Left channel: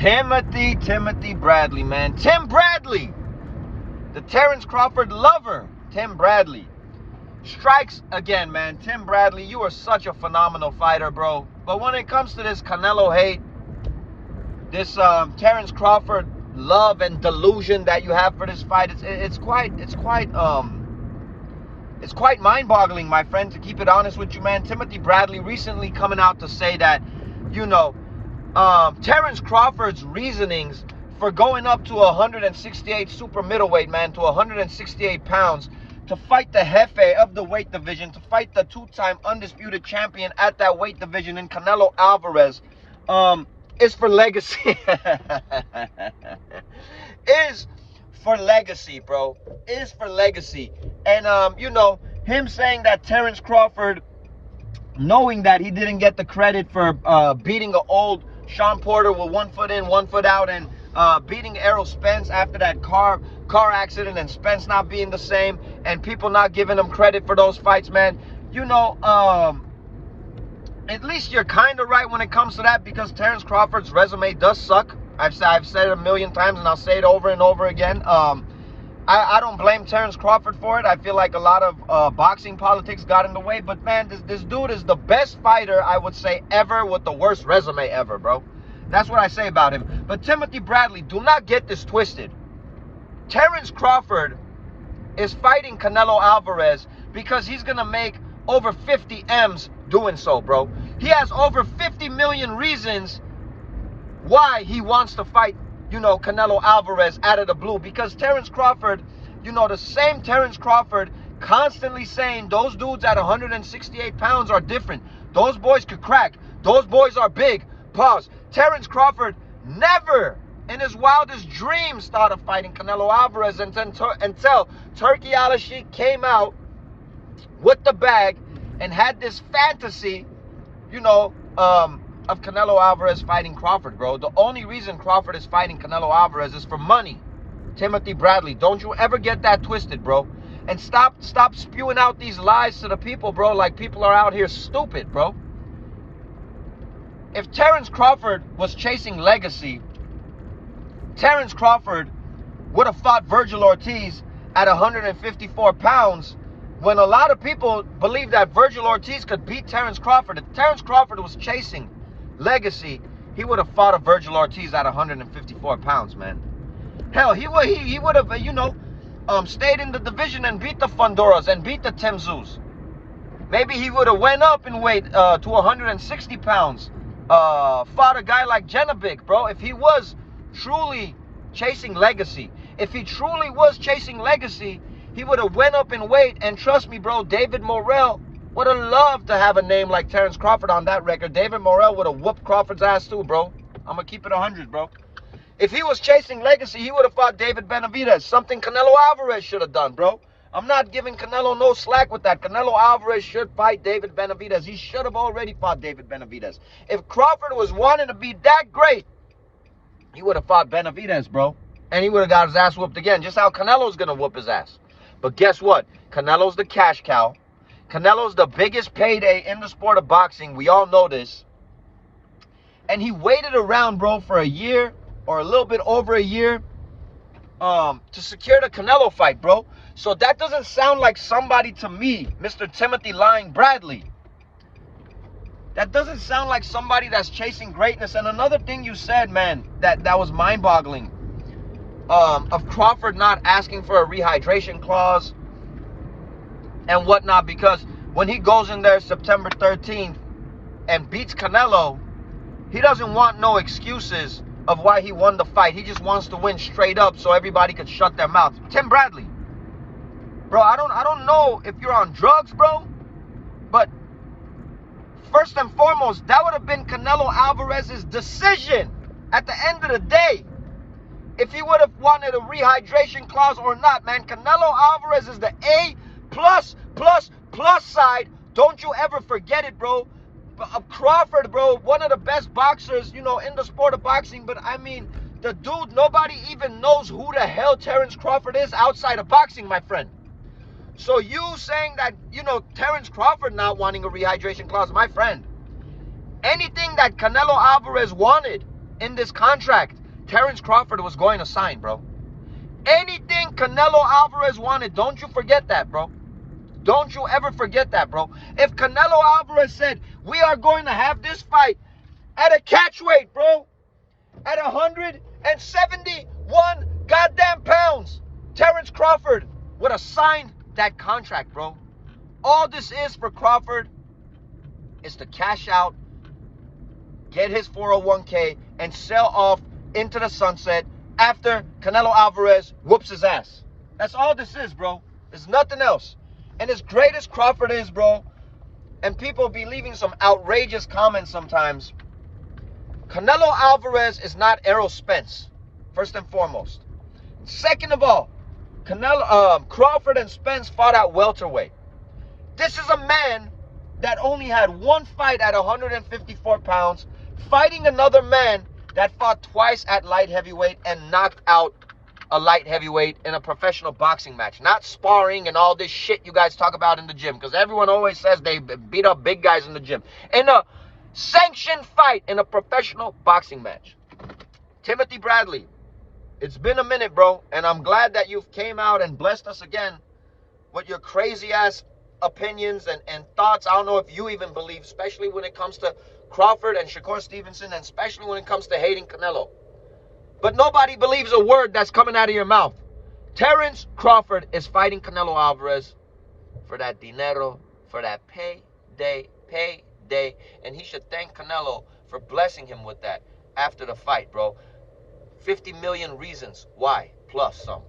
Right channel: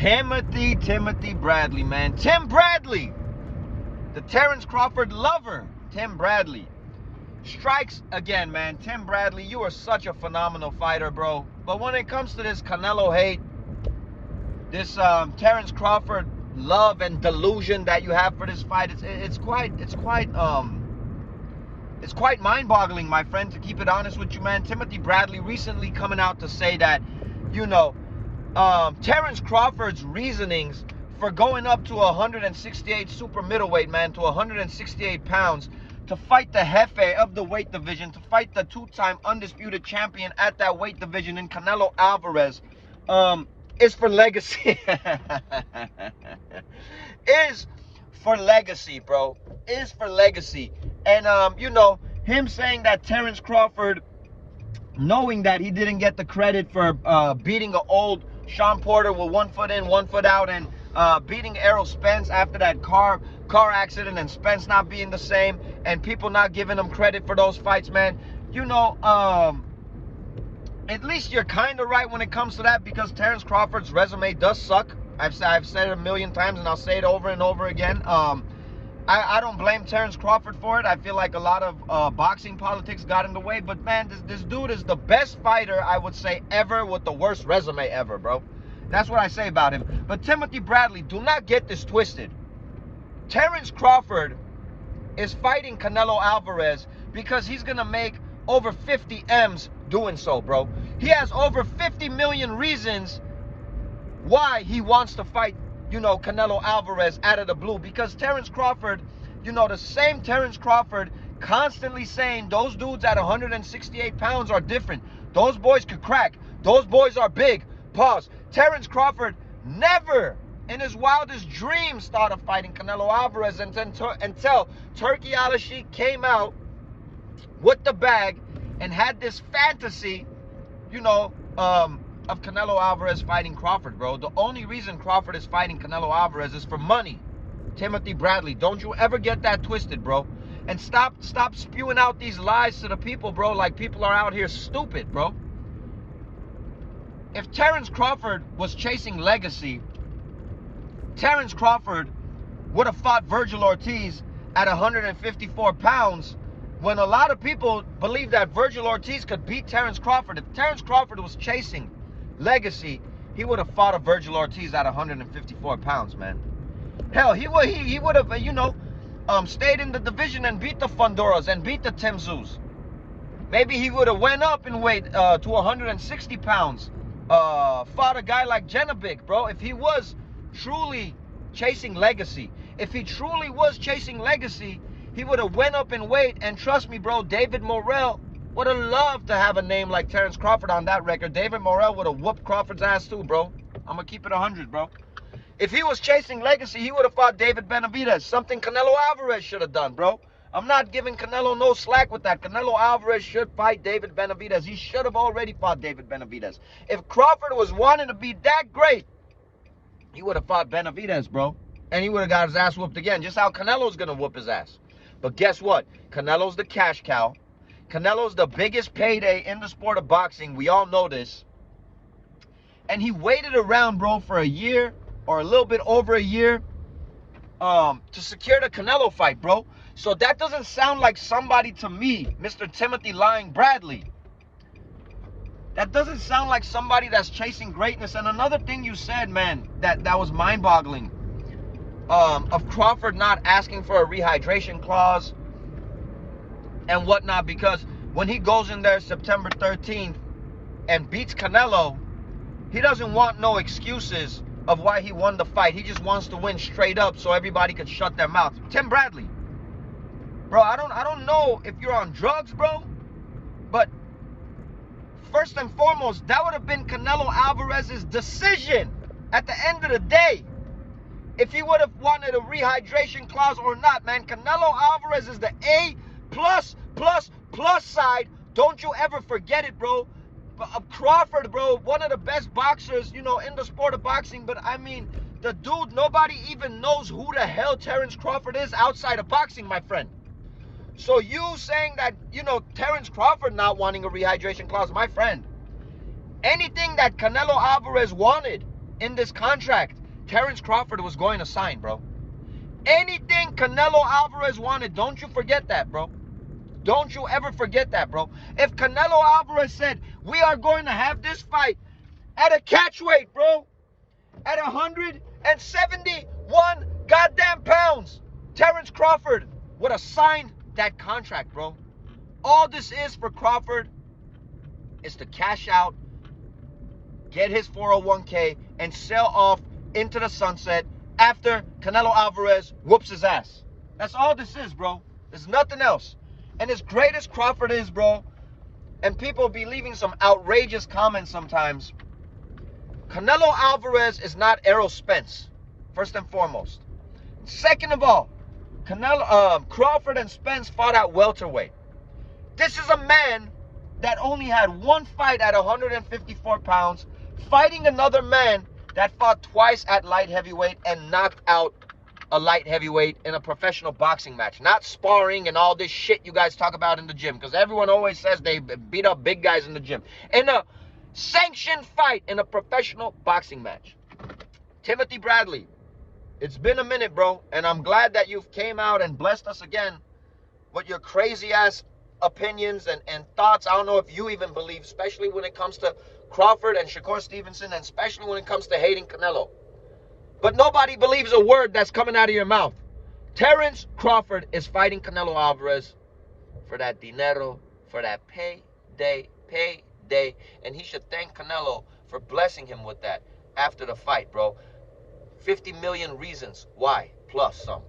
Timothy Bradley, man. Tim Bradley, the Terence Crawford lover, Tim Bradley, strikes again, man. Tim Bradley, you are such a phenomenal fighter, bro. But when it comes to this Canelo hate, this Terence Crawford love and delusion that you have for this fight, it's quite mind-boggling, my friend, to keep it honest with you, man. Timothy Bradley recently coming out to say that, you know, Terence Crawford's reasonings for going up to 168 super middleweight, man, to 168 pounds, to fight the Jefe of the weight division, to fight the two-time undisputed champion at that weight division in Canelo Alvarez, is for legacy. Is for legacy, bro. Is for legacy. And, you know, him saying that Terence Crawford, knowing that he didn't get the credit for beating an old Sean Porter with 1 foot in, 1 foot out, and beating Errol Spence after that car accident, and Spence not being the same, and people not giving him credit for those fights, man. You know, at least you're kind of right when it comes to that, because Terence Crawford's resume does suck. I've said it a million times, and I'll say it over and over again. I don't blame Terence Crawford for it. I feel like a lot of boxing politics got in the way. But, man, this dude is the best fighter, I would say, ever, with the worst resume ever, bro. That's what I say about him. But Timothy Bradley, do not get this twisted. Terence Crawford is fighting Canelo Alvarez because he's going to make over 50 M's doing so, bro. He has over 50 million reasons why he wants to fight, you know, Canelo Alvarez out of the blue. Because Terence Crawford, you know, the same Terence Crawford constantly saying those dudes at 168 pounds are different. Those boys could crack. Those boys are big. Pause. Terence Crawford never in his wildest dreams thought of fighting Canelo Alvarez until Turkey Al-Sheikh came out with the bag and had this fantasy, you know, of Canelo Alvarez fighting Crawford, bro. The only reason Crawford is fighting Canelo Alvarez is for money. Timothy Bradley, don't you ever get that twisted, bro. And stop spewing out these lies to the people, bro, like people are out here stupid, bro. If Terence Crawford was chasing legacy, Terence Crawford would have fought Virgil Ortiz at 154 pounds, when a lot of people believe that Virgil Ortiz could beat Terence Crawford. If Terence Crawford was chasing legacy, he would have fought a Virgil Ortiz at 154 pounds, man. Hell, he would have, you know, stayed in the division and beat the Fondoras and beat the Temzus. Maybe he would have went up in weight to 160 pounds, fought a guy like Genovic, bro. If he was truly chasing legacy, if he truly was chasing legacy, he would have went up in weight. And trust me, bro, David Morrell would have loved to have a name like Terence Crawford on that record. David Morrell would have whooped Crawford's ass too, bro. I'm going to keep it 100, bro. If he was chasing legacy, he would have fought David Benavidez, something Canelo Alvarez should have done, bro. I'm not giving Canelo no slack with that. Canelo Alvarez should fight David Benavidez. He should have already fought David Benavidez. If Crawford was wanting to be that great, he would have fought Benavidez, bro. And he would have got his ass whooped again, just how Canelo's going to whoop his ass. But guess what? Canelo's the cash cow. Canelo's the biggest payday in the sport of boxing. We all know this. And he waited around, bro, for a year or a little bit over a year to secure the Canelo fight, bro. So that doesn't sound like somebody to me, Mr. Timothy Lying Bradley. That doesn't sound like somebody that's chasing greatness. And another thing you said, man, that was mind-boggling, of Crawford not asking for a rehydration clause and whatnot, because when he goes in there September 13th and beats Canelo, he doesn't want no excuses of why he won the fight. He just wants to win straight up so everybody could shut their mouth. Tim Bradley, bro, I don't know if you're on drugs, bro, but first and foremost, that would have been Canelo Alvarez's decision at the end of the day, if he would have wanted a rehydration clause or not, man. Canelo Alvarez is the A+++ side. Don't you ever forget it, bro. Crawford, bro, one of the best boxers, you know, in the sport of boxing. But, I mean, the dude, nobody even knows who the hell Terence Crawford is outside of boxing, my friend. So you saying that, you know, Terence Crawford not wanting a rehydration clause, my friend, anything that Canelo Alvarez wanted in this contract Terence Crawford was going to sign, bro. Anything Canelo Alvarez wanted, don't you forget that, bro. Don't you ever forget that, bro. If Canelo Alvarez said, we are going to have this fight at a catch weight, bro, at 171 goddamn pounds, Terence Crawford would have signed that contract, bro. All this is for Crawford is to cash out, get his 401k, and sell off into the sunset after Canelo Alvarez whoops his ass. That's all this is, bro. There's nothing else. And as great as Crawford is, bro, and people be leaving some outrageous comments sometimes, Canelo Alvarez is not Errol Spence, first and foremost. Second of all, Crawford and Spence fought at welterweight. This is a man that only had one fight at 154 pounds, fighting another man that fought twice at light heavyweight and knocked out a light heavyweight in a professional boxing match. Not sparring and all this shit you guys talk about in the gym, because everyone always says they beat up big guys in the gym. In a sanctioned fight in a professional boxing match. Timothy Bradley, it's been a minute, bro, and I'm glad that you came out and blessed us again with your crazy-ass opinions and thoughts. I don't know if you even believe, especially when it comes to Crawford and Shakur Stevenson, and especially when it comes to hating Canelo. But nobody believes a word that's coming out of your mouth. Terence Crawford is fighting Canelo Alvarez for that dinero, for that payday, and he should thank Canelo for blessing him with that after the fight, bro. 50 million reasons why, plus some.